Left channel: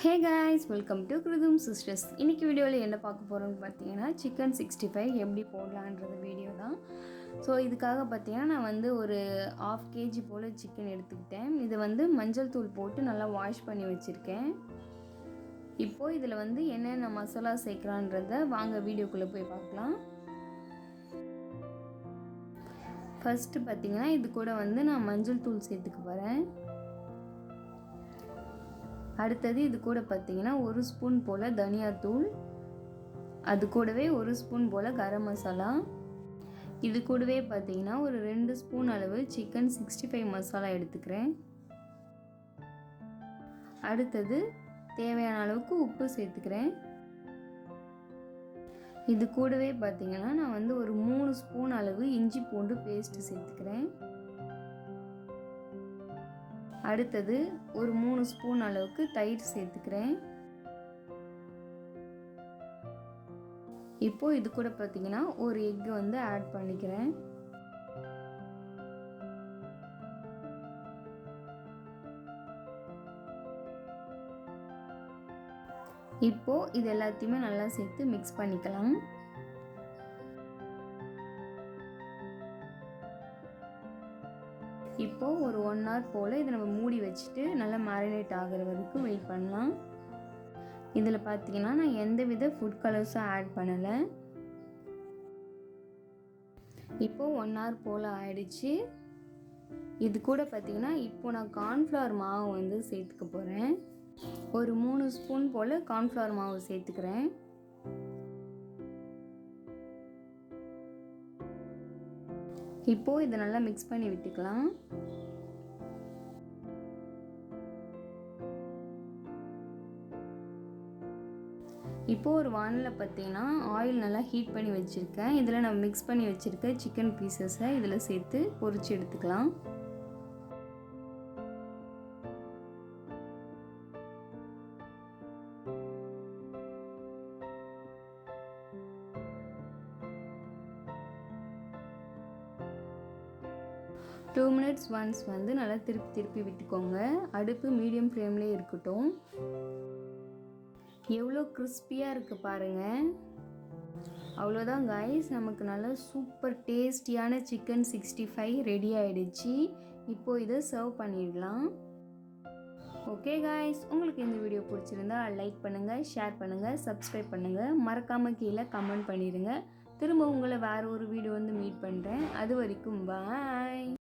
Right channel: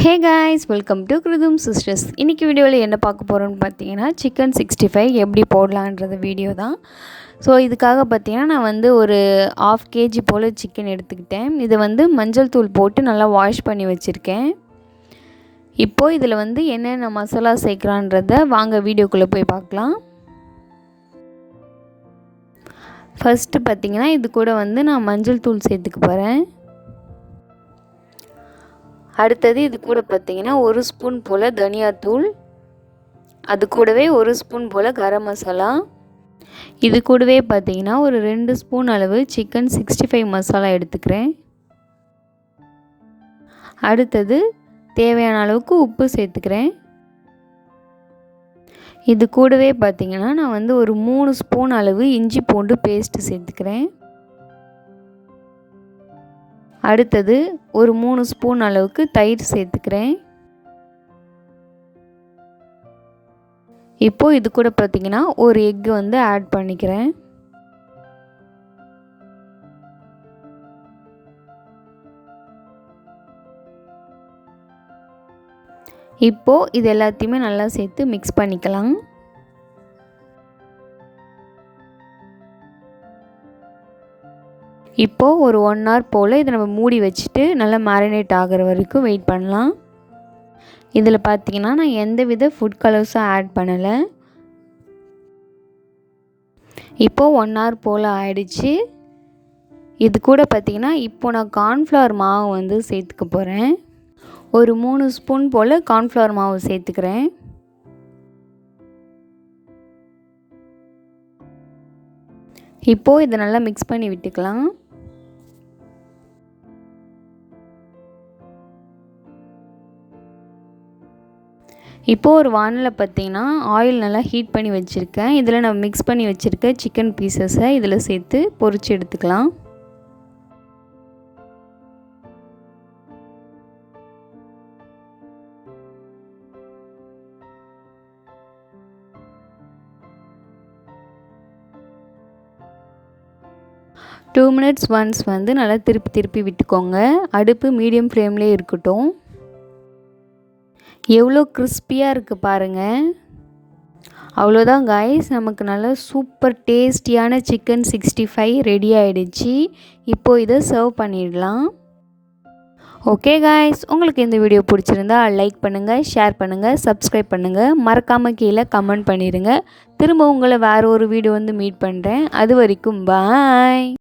Hey guys, welcome to Kruthumsisters. இன்னைக்கு வீடியோவில் என்ன பார்க்க போகிறோம்னு பார்த்தீங்கன்னா சிக்கன் 65 எப்படி போடலான்றது வீடியோ தான். ஸோ இதுக்காக பார்த்தீங்கன்னா நான் வந்து ஒரு 1/2 kg போல் சிக்கன் எடுத்துக்கிட்டேன். இதை வந்து மஞ்சள் தூள் போட்டு நல்லா வாஷ் பண்ணி வச்சுருக்கேன். இப்போது இதில் வந்து என்னென்ன மசாலா சேர்க்குறான்றதை வாங்க வீடியோக்குள்ளே போய் பார்க்கலாம். ஃபஸ்ட்டு பார்த்தீங்கன்னா இது கூட வந்து நான் மஞ்சள் தூள் சேர்த்துக்க போகிறேன். அடுத்தது இது கூட பார்த்தீங்கன்னா 1 ஸ்பூன் போல் தனியாத்தூள், அது கூடவே 1 ஸ்பூன் போல் கரம் மசாலா, இது கூடவே பார்த்தீங்கன்னா ஒரு 2 ஸ்பூன் அளவு சிக்கன் 65 மசாலா எடுத்துக்கிறேன். அடுத்தது தேவையான அளவுக்கு உப்பு சேர்த்துக்கிறேன். இது கூடவே பார்த்தீங்கன்னா நான் வந்து ஒரு 3 ஸ்பூன் அளவு இஞ்சி பூண்டு பேஸ்ட்டு சேர்த்துக்கிறேன். அடுத்தது ஒரு 3 ஸ்பூன் அளவுக்கு தயிர் சேர்த்துக்கிறேன். இப்போது இது கூட பார்த்திங்கன்னா ஒரு எக் வந்து ஆட் பண்ணிக்கிறேன். இப்போது இது எல்லாத்தையுமே நல்லா சேர்த்து மிக்ஸ் பண்ணிக்கலாம். இப்போது ஒரு 1 hour போல் இதை நம்ம மூடி வச்சுட்டு நல்லா மேரினேட் ஆகிற வரைக்கும் வெயிட் பண்ணலாம். இதில் பார்த்திங்கன்னா நான் எந்தவித ஃபுட் கலர்ஸும் ஆட் பண்ணலை. இப்போது 1 hour போல் ஆயிடுச்சு. இது கூட பார்த்திங்கன்னா இப்போது நான் கார்ன்ஃப்ளவர் மாவு வந்து சேர்த்துக்க போகிறேன். ஒரு 3 ஸ்பூன் போல் கார்ன்ஃப்ளவர் மாவு சேர்த்துக்கிறேன். இப்போது இதை நல்லா மிக்ஸ் பண்ணி விட்டுக்கலாம். இப்போது ஒரு வானலில் பார்த்திங்கன்னா ஆயில் நல்லா ஹீட் பண்ணி வச்சுருக்கேன். இதில் நான் மிக்ஸ் பண்ணி வச்சுருக்க சிக்கன் பீசஸை இதில் சேர்த்து பொரித்து எடுத்துக்கலாம். டூ மினிட்ஸ் ஒன்ஸ் வந்து நல்லா திருப்பி விட்டுக்கோங்க. அடுப்பு மீடியம் ஃப்ளேம்லேயே இருக்கட்டும். எவ்வளோ கிறிஸ்பியாக இருக்குது பாருங்கள். அவ்வளோதான் காய்ஸ், நமக்கு நல்லா சூப்பர் டேஸ்டியான சிக்கன் 65 ரெடி ஆகிடுச்சு. இப்போது இதை சர்வ் பண்ணிடலாம். ஓகே காய்ஸ், உங்களுக்கு இந்த வீடியோ பிடிச்சிருந்தா லைக் பண்ணுங்கள், ஷேர் பண்ணுங்கள், சப்ஸ்கிரைப் பண்ணுங்கள். மறக்காமல் கீழே கமெண்ட் பண்ணிடுங்க. திரும்ப உங்களை வேறு ஒரு வீடியோ வந்து மீட் பண்ணுறேன். அது வரைக்கும் பாய்.